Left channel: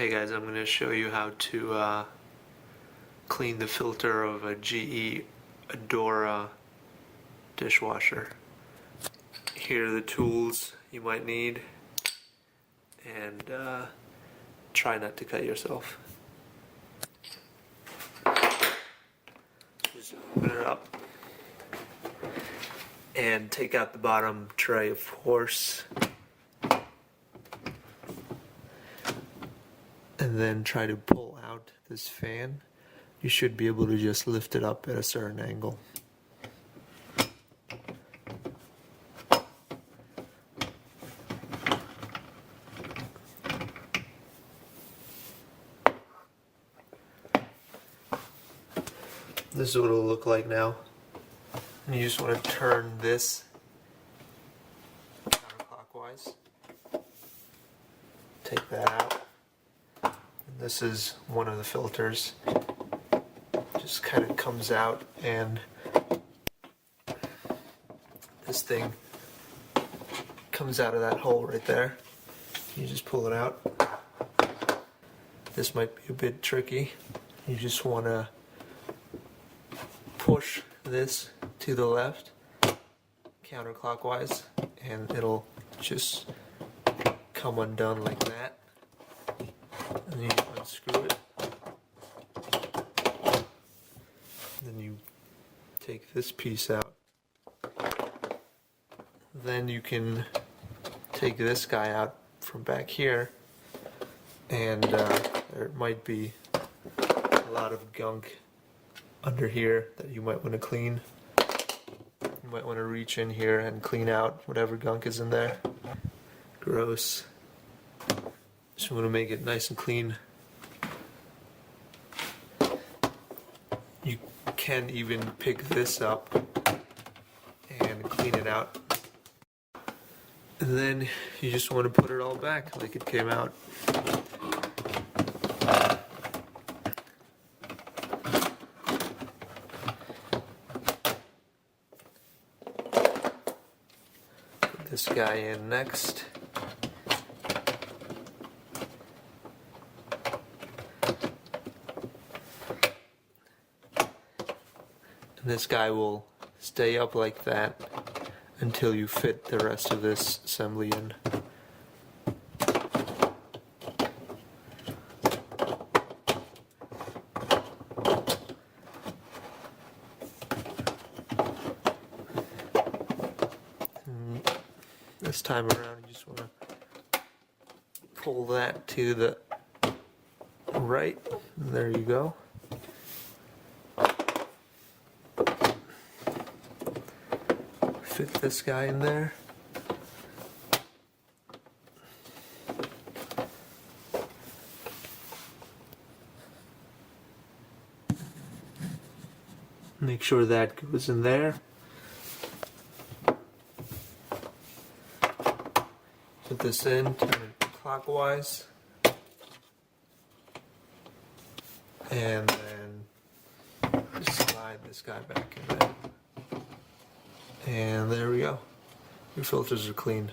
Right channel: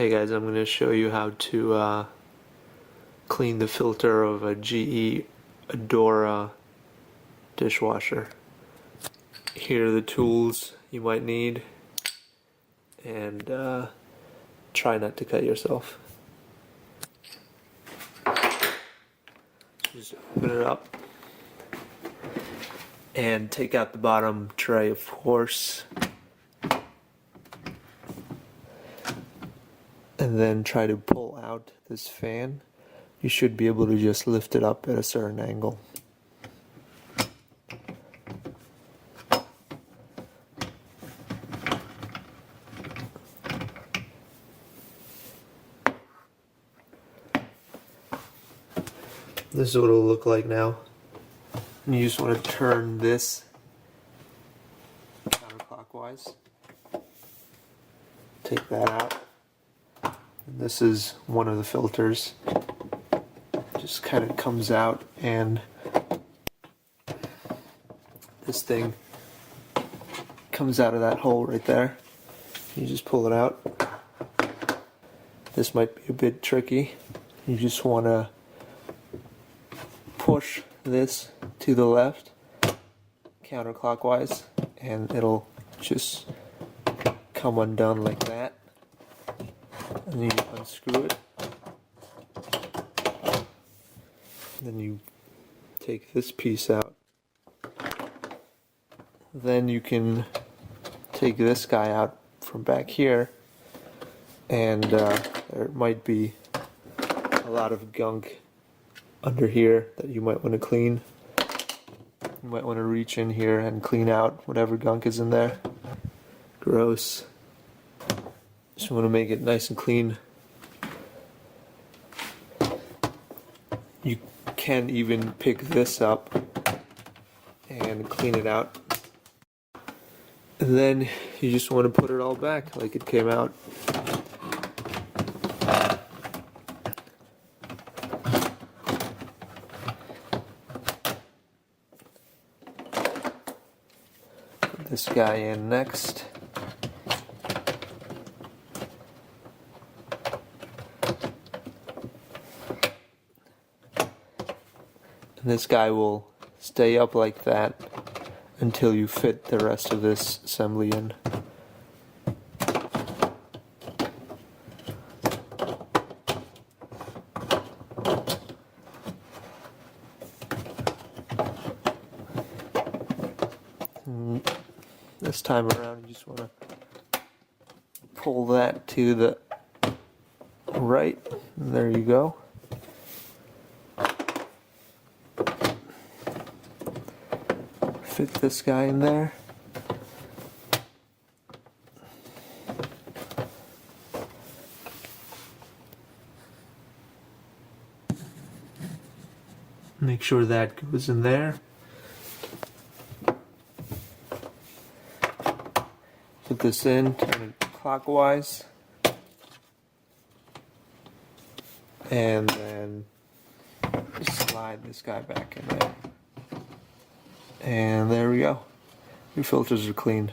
Hey guys, I'm going to show you how to clean the filter of a GE Adora dishwasher. Here are the tools you might need, and try not to cut yourself. Just open it up and take out the bottom tray, of course. And then try to pull out this fan. You should be able to just lift it up at a certain angle. This is what it'll look like now. And you just want to turn this counterclockwise. Take that out. This is one of the filters. Just kind of comes out, and this thing comes out of that hole right there. You just pull it out. This might be a bit tricky. You just want to push this to the left counterclockwise, and it'll just come undone like that. And you unscrew it. Then you take this piece out. Then you can take this guy out from back here, and there might be a lot of gunk under here that you might want to clean. You might want to reach in here and clean out whatever gunk is in there. Gross. Just want to make it nice and clean. You can even pick this up and clean it out. And then you just want to put it all back like it came out. Put this guy in next. And this guy will stay up like that until you fit the rest of this assembly in. And this time around, you just want to pull that to the right, and there you go. Fit this guy in there. Make sure that goes in there. Put this in, turn it clockwise, and then slide this guy back in there. And there we go. Your filters are clean.